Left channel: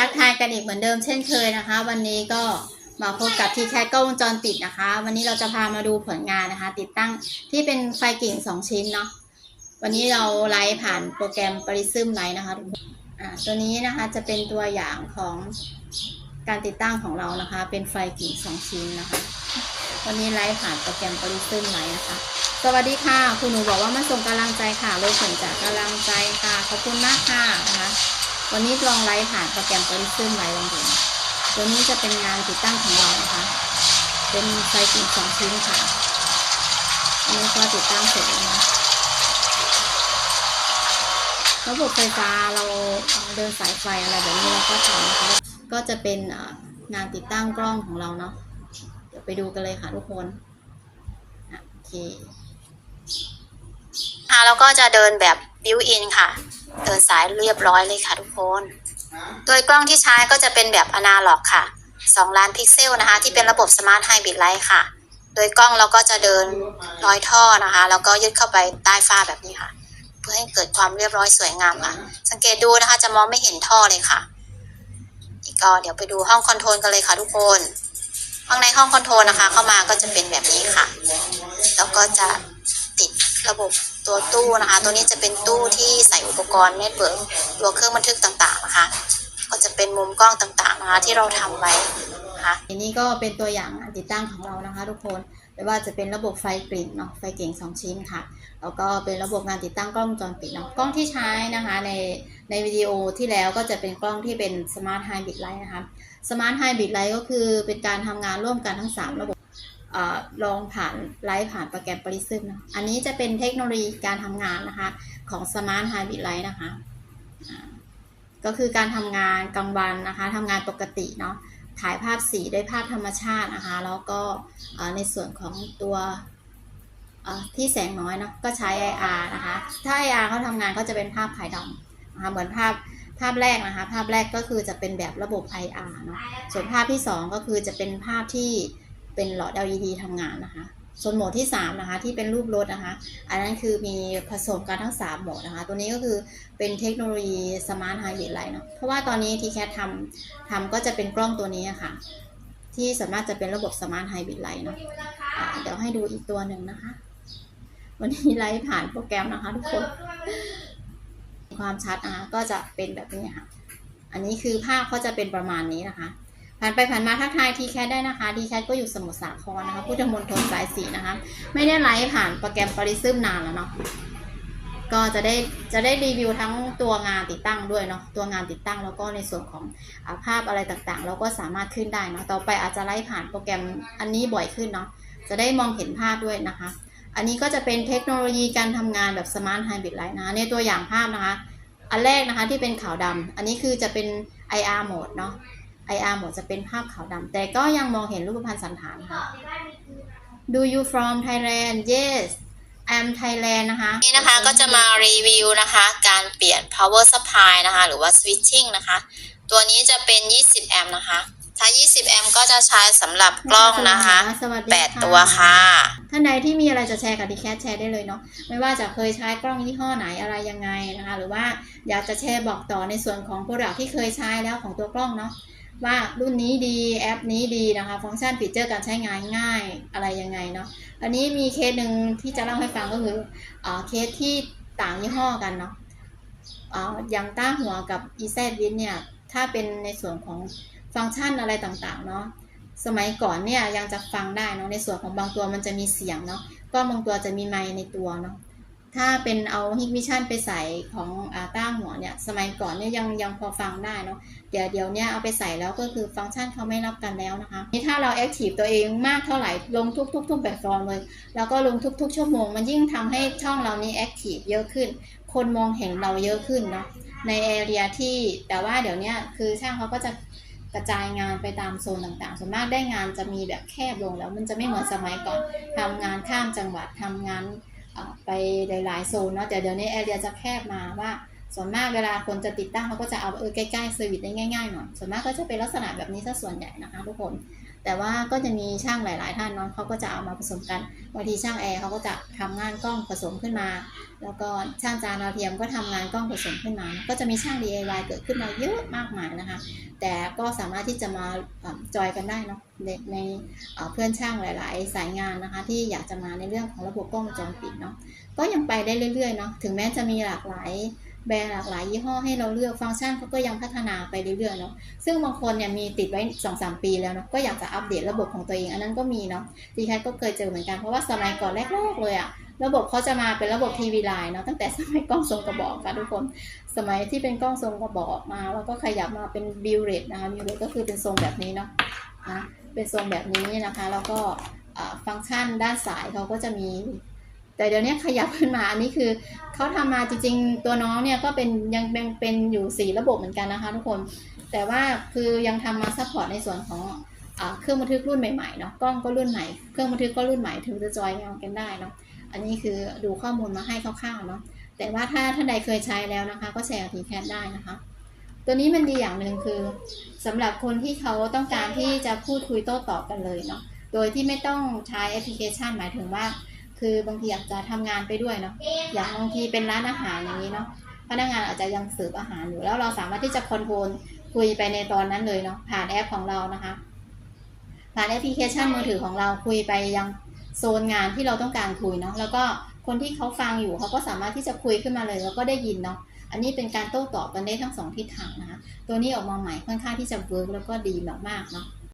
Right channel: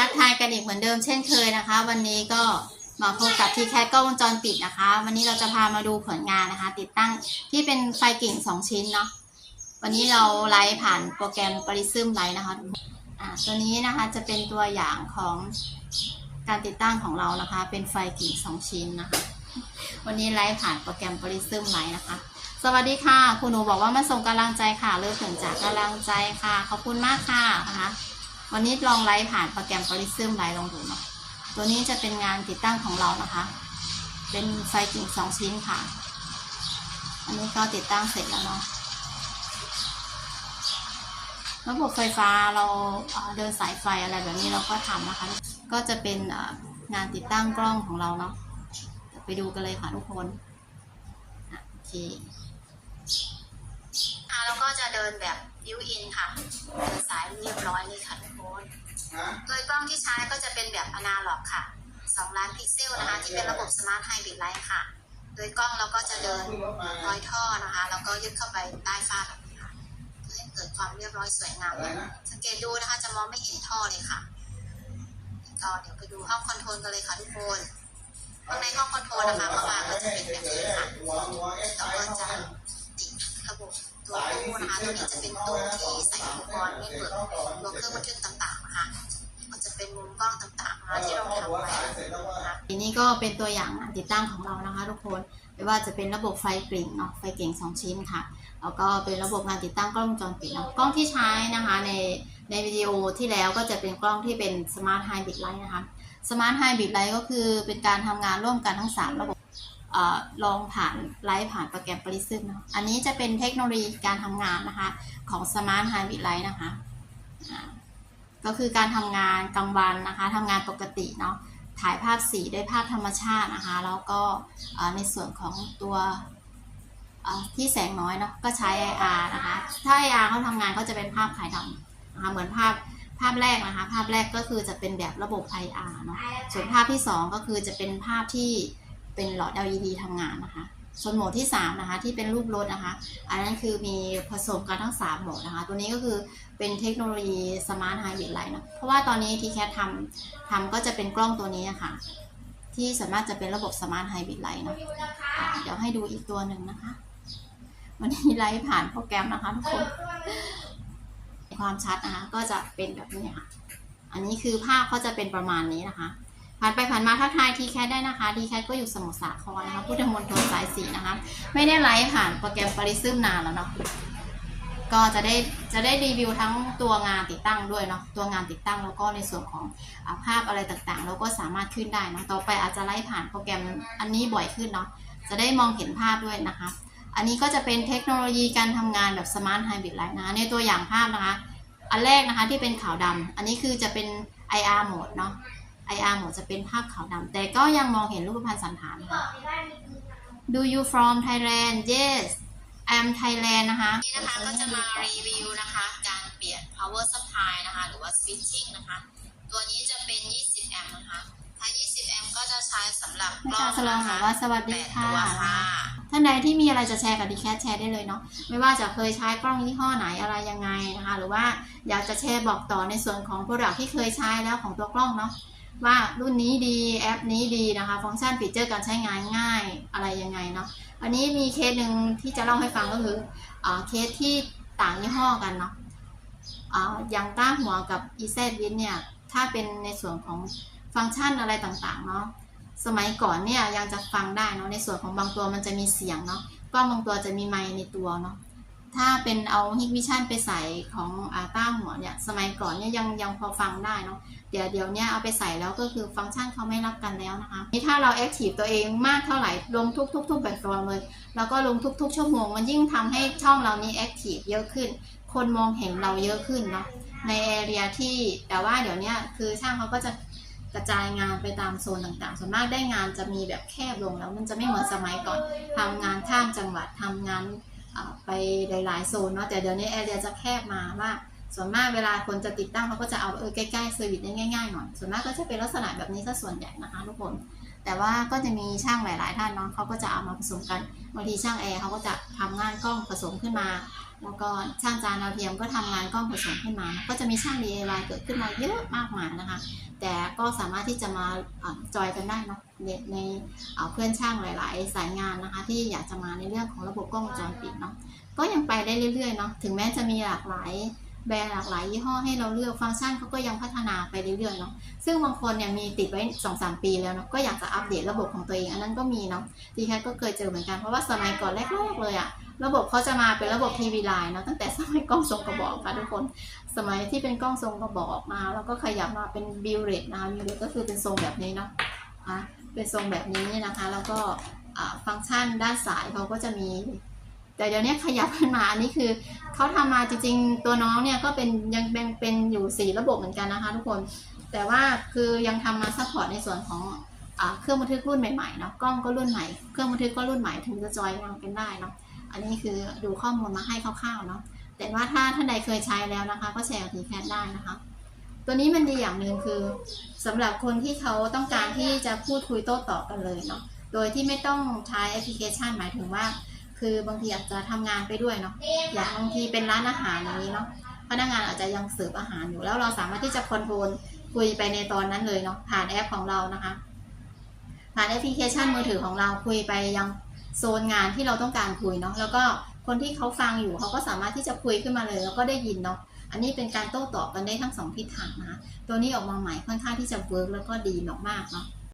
ทักทายกันอีกเหมือนเดิมเช่นเคยนะคะ วันนี้ก็มาพบกับที่แคทกล้องวงจรปิดนะคะ วันนี้เราจะพามาดูผลงานนะคะ ติดตั้งที่เป็นไฟกิ่งสองชิ้นเนาะวันนี้เราไลฟ์ผ่านโปรแกรม Prism ไลฟ์นะคะทุกคนอ่าตัวนี้นะคะจะเป็นตัวอย่างของการติดตั้งของเรานะคะ เป็นไฟกิ่งสองชิ้นนะคะ วันนี้ไลฟ์ผ่านโปรแกรม Prism ไลฟ์นะคะ สวัสดีค่ะ คุณหนูบอกว่ามาส่งกำลังใจค่ะเลิกผลจากกำลังใจค่ะ ขอบคุณมากค่ะนะคะ วันนี้ลองไลฟ์ผ่านโปรแกรม Prism ไลฟ์ลองดูตัวนี้จะเป็นงานติดตั้งของเรานะคะ เป็นไฟกิ่งสองชิ้นค่ะ อันนี้ก็ติดตั้งเสร็จแล้วนะระบบไฟฟ้าเราเดินสายไฟอะไรแบบนี้เราก็ทำนะคะ ก็จะเป็นงานติดตั้งกล้องของเราเนาะ เดี๋ยวไปดูกันเลยค่ะทุกคนอะโอเค แล้วก็จะเดินแบบบิวอินค่ะ เดินสายเรียบร้อยเลยค่ะทุกคน โดยกล้องที่ใช้ก็จะเป็นแบบอนาล็อกค่ะ 2 ล้านพิกเซลนะคะ ที่เป็นระบบสมาร์ทไฮบริดไลท์ค่ะ โดยกล้องเราก็จะเดินร้อยท่อนะคะ แล้วก็ยึดเข้าไปใต้ฝ้าแบบนี้ค่ะ เพื่อให้เกิดความเรียบร้อยสวยงามค่ะ สังเกตดูนะคะจะมองไม่เห็นท่อเลยค่ะนี่ก็เดี๋ยวไปดูห้องคอนโทรลกันเลยค่ะทุกคนข้างในห้องคอนโทรลนะคะ เข้ามาก็จะเป็นแบบนี้ค่ะ แล้วก็จะติดระบบ ตัวตู้นะคะ ตัวนี้จะเป็นตู้ที่ใส่อุปกรณ์เน็ตเวิร์กตัวเครื่องบันทึกต่างๆนะคะ ก็จะเป็นมุมกล้องต่างๆนะคะที่เราทำไว้นะคะทีนี้ก็เป็นตัวอย่างงานติดตั้งของเรานะคะ ทุกคนไม่ว่าจะเป็นระบบไฟกริ่งเนาะไฟเก่งสองชิ้นค่ะแล้วก็เป็นระบบงานติดตั้งกล้องวงจรปิดเนาะกล้องที่ใช้นะคะในในวิดีโอที่แล้วก็จะเป็นกล้องที่เป็นสมาร์ทไฮบริดไลท์นะคะสมาร์ทไฮบริดไลท์ก็คือเป็นการทำงานร่วมกันทั้ง 3 ระบบ อลองผ่านไลฟ์ผ่านโปรแกรม Prism เนอันนี้จะเป็นเทคโนโลยีการทำงานนะคะ ของ Smart Hybrid Light นะคะ ก็คือการทำงานกลางวันนะคะทำงานปกติเนาะถ่ายภาพสีด้วยภาพธรรมชาตินะคะ แล้วก็ในส่วนของตัวที่แสงน้อยเนาะก็ใช้ IR นะคะ ถ้า IR เขาทำงานก็จะเป็นภาพขายดำนะคะเหมือนภาพภาพแรกนะคะ ภาพแรกก็คือจะเป็นแบบระบบ IR เนาะส่วนภาพที่ 2 ก็คือจะเป็นภาพที่ เป็นหลอด LED ทำงานนะคะ ส่วนโหมดที่ 3 นะคะ ที่เป็นรูปรถนะคะ อันนั้นคือมีผสมกันทั้ง 3 โหมดนะคะ ตัวนี้ก็คือเป็นเทคโนโลยี Smart Hybrid Light เนอะเพราะว่าตอนนี้ที่แคททำทำก็จะเป็นกล้องตัวนี้อะค่ะ ที่สามารถจะเป็นระบบ Smart Hybrid Light เนอะอ่าเดี๋ยวให้ดูอีกตัวหนึ่งนะคะ วันนี้ไลฟ์ผ่านโปรแกรมนะคะทุกคนความชัดนะคะก็จะเป็นแบบนี้ค่ะ อันนี้คือภาพเขาจะเป็นประมาณนี้นะคะ ผ่านไปผ่านมาทักทายทีแคได้นะคะทีแคก็อยู่สมุทรสาครนะคะพุทธมณฑลสายสีนะคะ ไม่ได้ไลฟ์ผ่านโปรแกรมปริซึมนานแล้วเนาะก็จะได้จะได้รีวิวทั้งตัวงานติดตั้งด้วยเนาะตัวงานติดตั้งแล้วก็ในส่วนของภาพอะไรต่างๆเราก็สามารถขึ้นได้เนาะต่อไปอาจจะไลฟ์ผ่านโปรแกรมอันนี้บ่อยขึ้นเนาะจะได้มองเห็นภาพด้วยนะคะ อันนี้ก็จะเป็นเทคโนโลยีการทำงานแบบสมาร์ทไฮบริดไลท์นะในตัวอย่างภาพนะคะ อันแรกนะคะที่เป็นขาวดำอันนี้คือจะเป็น IR โหมดเนาะ IR โหมดจะเป็นภาพขาวดำแต่ก็ยังมองเห็นรูปพรรณสันฐานค่ะ Do you from Thailand Yes I'm Thailand นะคะนี่นะคะก็จะมารีวิวนะคะ การเปลี่ยน power supply นะคะ หรือว่า switching นะคะ ตัวนี้จะเป็น 20 แอมป์นะคะถ้า 20 แอมป์ก็จะใช้สำหรับกล้องนะคะสวัสดี8ตัวค่ะ ท่านใดที่มีอะไรจะแชร์กับดีแคทแชร์ได้เลยเนาะ ไม่ว่าจะเคยใช้กล้องยี่ห้อไหนอะไรยังไงนะคะ หรือว่าอยากจะแชร์บอกต่อในส่วนของโปรดักที่เคยใช้แล้วของตัวกล้องเนาะ ว่ารุ่นนี้ดีแอปนี้ดีนะคะ ฟังก์ชันฟีเจอร์การใช้งานง่ายอะไรยังไงเนาะอันนี้มีเคสหนึ่งที่จะเล่าให้ฟังก็คืออเคสที่ต่างยี่ห้อกันเนาะอ่าอย่างต้าหัวกับ e z w i n เนี่ย ถ้าเป็นในส่วนของฟังก์ชันอะไรต่างๆเนาะสมัยก่อนเนี่ยยังจะฟังได้เนาะในส่วนของบางตัวมันจะมีเสียงเนาะกล้องบางตัวจะมีไมค์ในตัวเนาะ ถ้าเป็นเอาฮิกวิชั่นไปใส่ของอาต้าหัวเนี่ย สมัยก่อนเนี่ยยังยังพอฟังได้เนาะเดี๋ยวเดี๋ยวเนี่ยเอาไปใส่แล้วก็คือฟังก์ชันเขาไม่รับกันแล้วนะคะนี่ถ้าเราแอคทีฟตัวเองมากเท่าไหร่ลงทุกทุกทุกแบบฟอร์มเลย แล้วก็ลงทุกๆชั่วโมง มันยิ่งทำให้ช่องเรานี้แอคทีฟเยอะขึ้น คนมองเห็นเราเยอะขึ้นเนาะในแอเรียที่แต่ว่าเดี๋ยวเนี้ยคือช่างเขาก็จะกระจายงานไปตามโซนต่างๆ ส่วนมากได้งานจะมีแบบแคบลงแล้ว มันจะไม่เหมือนสมัยก่อนทำงานข้ามจังหวัดทำงาน ไปหลายๆโซนเนาะแต่เดี๋ยวนี้แอเรียจะแคบมาว่า ส่วนมากเวลาคนจะติดตั้งเขาก็จะเอาเออใกล้ๆเซอร์วิสได้ง่ายๆหน่อยส่วนมากก็จะเป็นลักษณะแบบนี้ซะส่วนใหญ่นะคะทุกคน แต่ว่าก็จะมีช่างหลาย ๆ ท่านเนาะเขาก็จะเอามาผสมกันบางทีช่างแอร์เขาก็จะทำงานกล้องผสมขึ้นมา แล้วก็ช่างจานดาวเทียมก็ทำงานกล้องผสมขึ้นมา ก็จะมีช่าง DIY เกิดขึ้นมาเยอะมากมายนะคะ แต่ก็สามารถที่จะมาอ่าจอยกันได้เนาะในในเพื่อนช่างหลาย ๆ สายงานนะคะ ที่อยากจะมาในเรื่องของระบบกล้องวงจรปิดเนาะก็ยังไปได้เรื่อย ๆ เนาะถึงแม้จะมีหลากหลาย แบรนด์หลากหลายยี่ห้อให้เราเลือกฟังก์ชันเขาก็ยังพัฒนาไปเรื่อยๆเนาะซึ่งบางคนเนี่ยมีติดไว้2อสปีแล้วเนาะก็อยากจะอัปเดตระบบของตัวเอง อันนั้นก็มีเนาะดีแคทก็เคยเจอเหมือนกันเพราะว่าสมัยก่อนแรกๆเลยอะระบบเขาจะมาเป็นระบบทีวีไลน์เนาะตั้งแต่สมัยกล้องทรงกระบอกค่ะทุกคน สมัยที่เป็นกล้องทรงกระบอกมา แล้วก็ขยับมาเป็นบิลเรตนะคะบิลเรตก็คือเป็นทรงแบบนี้เนาะอะเป็นทรงแบบนี้นะคะ แล้วก็ฟังก์ชันด้านสายเขาก็จะมี แต่เดี๋ยวนี้ขยับขึ้นมาอันนี้คือเขาทำมาจริงๆ ตัวน้องเนี่ยก็เป็นยังแบ่งเป็นอยู่สี่ระบบเหมือนกันนะคะทุกคน แต่ว่าคือยังทำมาซัพพอร์ตในส่วนของอเครื่องบันทึกรุ่นใหม่ๆเนาะกล้องก็รุ่นใหม่เครื่องบันทึกก็รุ่นใหม่ถึงจะจอยงานกันได้เนาะอันนี้คือดูข้อมูลมาให้คร่าวๆเนาะแต่ว่าถ้าท่านใดเคยใช้แล้วนะคะ ก็แชร์กับทีแคทได้นะคะ ตัวนี้มันดีอย่างหนึ่งคือสำหรับคนที่เขาต้องการที่จะพูดคุยโต้ตอบกันเลยเนาะโดยที่ไม่ต้องใช้แอปพลิเคชันหมายถึงว่า คือบางทีอาจจะทำงานไปด้วยเนาะอย่างบางทีเป็นร้านอาหารอย่างนี้เนาะพนักงานอาจจะยังเสิร์ฟอาหารอยู่แล้วเราสามารถที่จะคอนโทรลคุยไปในตอนนั้นเลยเนาะผ่านแอปของเรานะคะ ผ่านแอปพลิเคชันมือถือของเราคุยไปยังโซนงานที่เราต้องการคุยเนาะแล้วก็คนที่เขาฟังอยู่เขาก็สามารถที่จะคุยขึ้นมาเลย แล้วก็ได้ยินเนาะอันนี้เป็นการโต้ตอบกันได้ทั้งสองทิศทางนะคะตัวนี้ออกมาใหม่ค่อนข้างที่จะเวิร์กแล้วก็ดีมากๆเนาะ